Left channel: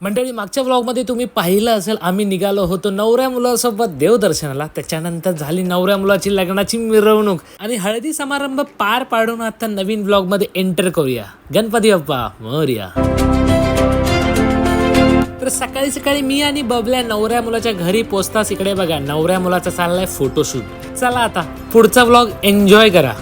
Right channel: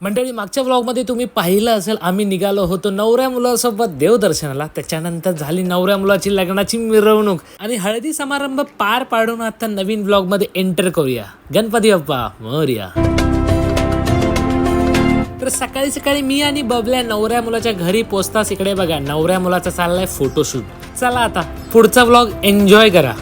मंडळी मागच्या व्लॉगमध्ये तुम्ही पाहिलं असेल आम्ही निघालो होतो नवऱ्या मुलासोबत देवदर्शनाला. त्याच्यानंतर झाली नवऱ्या मुलाची लग्नाची मिरवणूक. आणि हळदी समारंभ पार पाडून आता नवीन ब्लॉगमध्ये एंटर करूया. गणपती बाप्पा मोर्या. तर सकाळी सकाळी मी आणि बबल्या नवऱ्या मुलाच्या घरी पोचताच इकडे बघा. नवऱ्या मुलाचा चाललाय फोटोशूट चला आता पुढचा ब्लॉग एन्जॉय करा.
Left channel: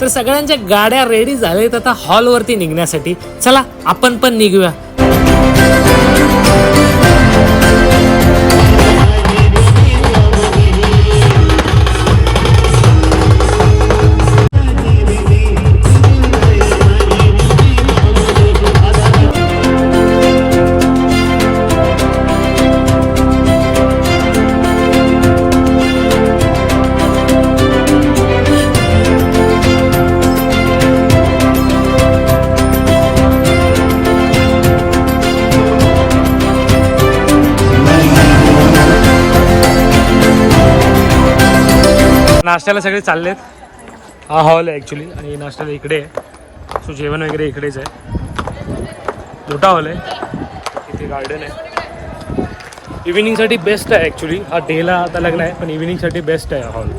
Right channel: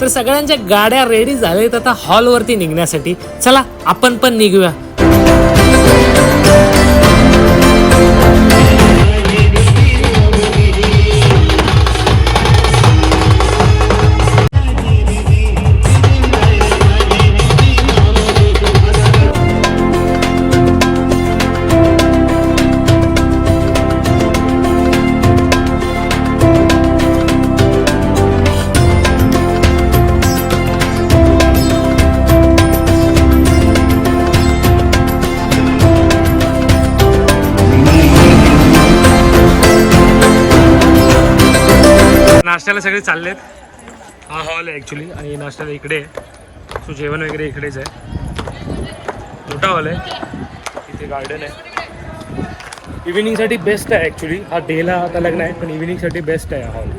तर सगळ्यांच्या गाड्या रेडी झाल्यात आता हॉलवरती निघण्यासाठी. चला आपण पण निघूया. नाश्त्याला सगळे चाललेत. हा हॉल आहे ॲक्च्युली आणि नाश्त्याला इकडे आहे. सो जेवण वगैरे इकडेच आहे. मोठा हॉल आहे. इथे गार्डन आहे. इव्हिनिंगसाठी बेस्ट आहे ॲक्च्युली हा डेला आता लग्न आहे पण इव्हिनिंगसाठी बेस्ट आहे हॉल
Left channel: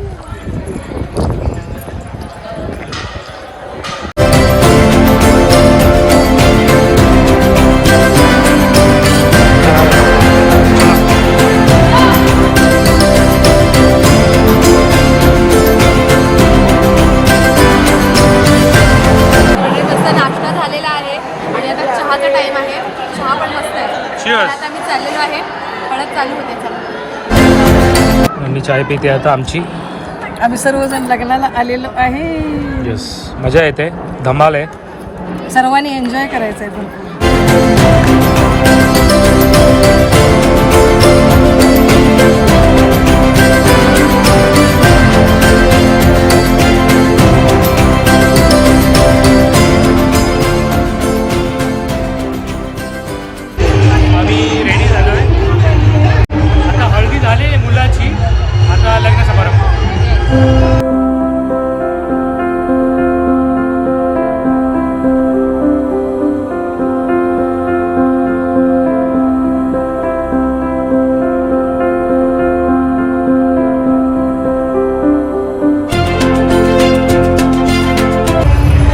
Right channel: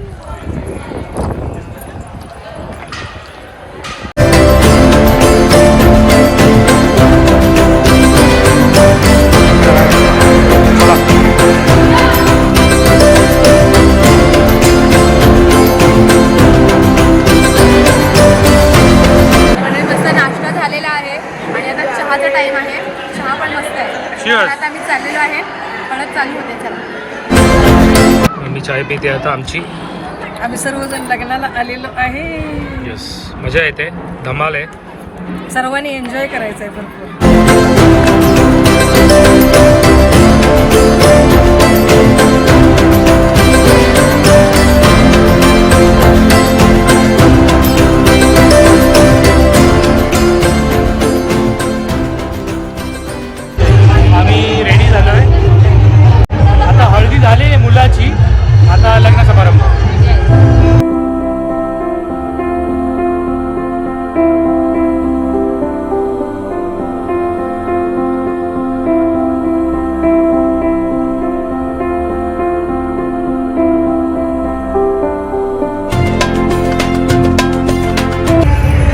हळद चालू होते चला. चाय पिते आता आमची. आम्ही सर्वजण लग्नाला आलेलो आहे. येस मजा येते. धमाल आहे. सर्वांनी एन्जॉय करायचं आहे भरपूर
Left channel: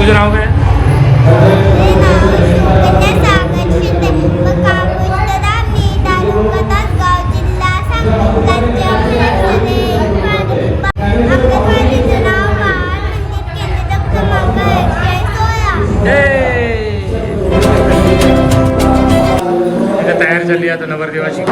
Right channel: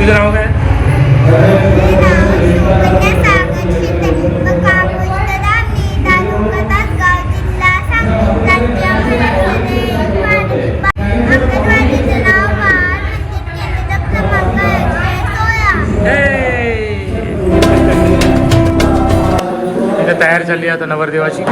तुझं नाव काय तयार झाली आता नवरदेवाची.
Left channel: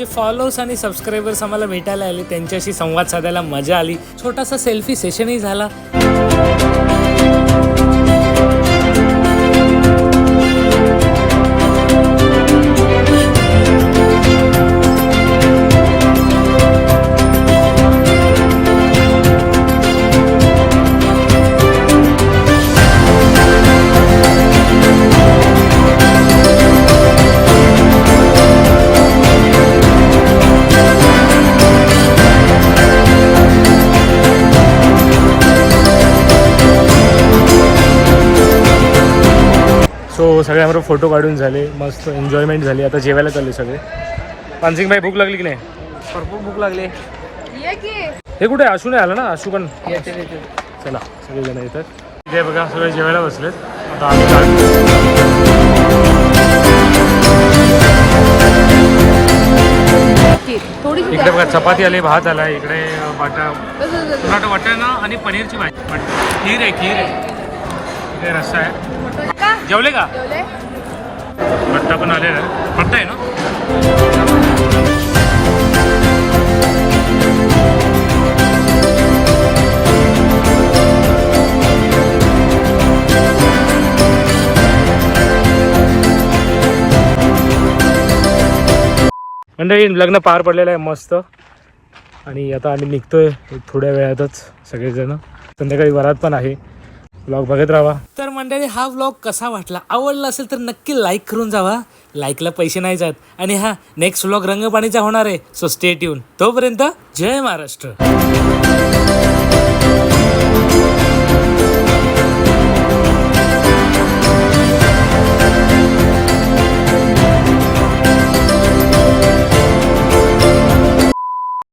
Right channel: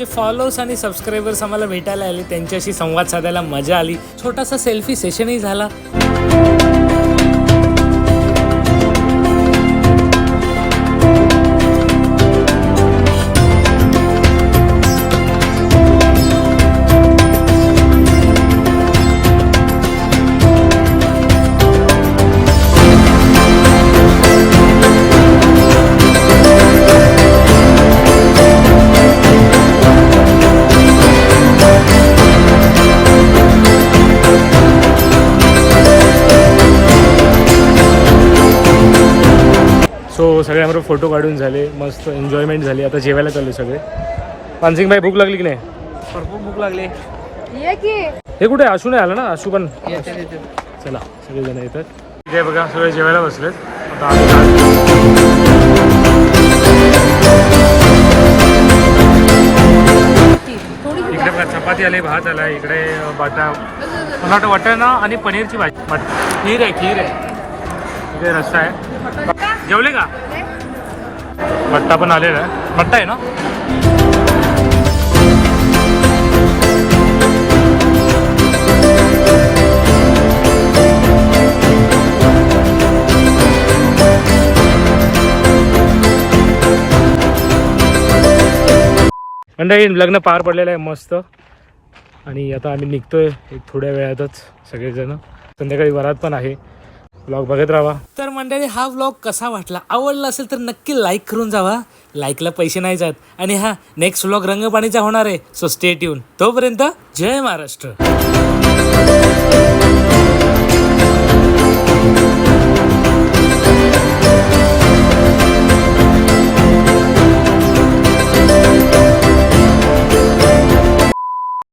आमचे फॉलोअर्स आणि सबस्क्रायबर्स आम्हाला भेटायला आले त्यांच्याशी संवाद साधायला मजा आली. छोटासा सेल्फी सेशनही झाला. सो सगळे आम्हाला फोटो काढून झाले मस्त एन्जॉयमेंट झाली. आता जेवायला चालले सगळे. पानसिंग भाई भूक लागली की नाही? भरपूर भूक लागली. ये की. हे कुठे? आशू नाही आला ना? आशू पण. चला सगळेजण येतात. इथे बघा सगळे जेवायला बसलेत. आता आम्ही जा- इकडे बघा चपाती आली भात आला इकडे बाटा. मला वाटतं वाटाणा आणि पनीरची भाजी. खीर आहे खीर आहे. इकडे रस्सा आहे. जेवले का? बट्टा पण आलेला आहे. बट्टा आहे ना? मंडळी लग्न पार पडलेलं आहे मस्त. आणि आता आम्ही निघतोय एक थोड्या वेळातच सगळेजण. संध्याकाळी वरात पण आहे. ब्लॉग बघत राहा. तर मंडळी हा ब्लॉग कसा वाटला? आवडला असेल तर नक्की लाईक करून जावा. लाईकला पैसे नाही जात. आणि हा नेक्स्ट ब्लॉग रंगपाणीचा होणार आहे. सो स्टे ट्यून तोपर्यंत जय महाराष्ट्र.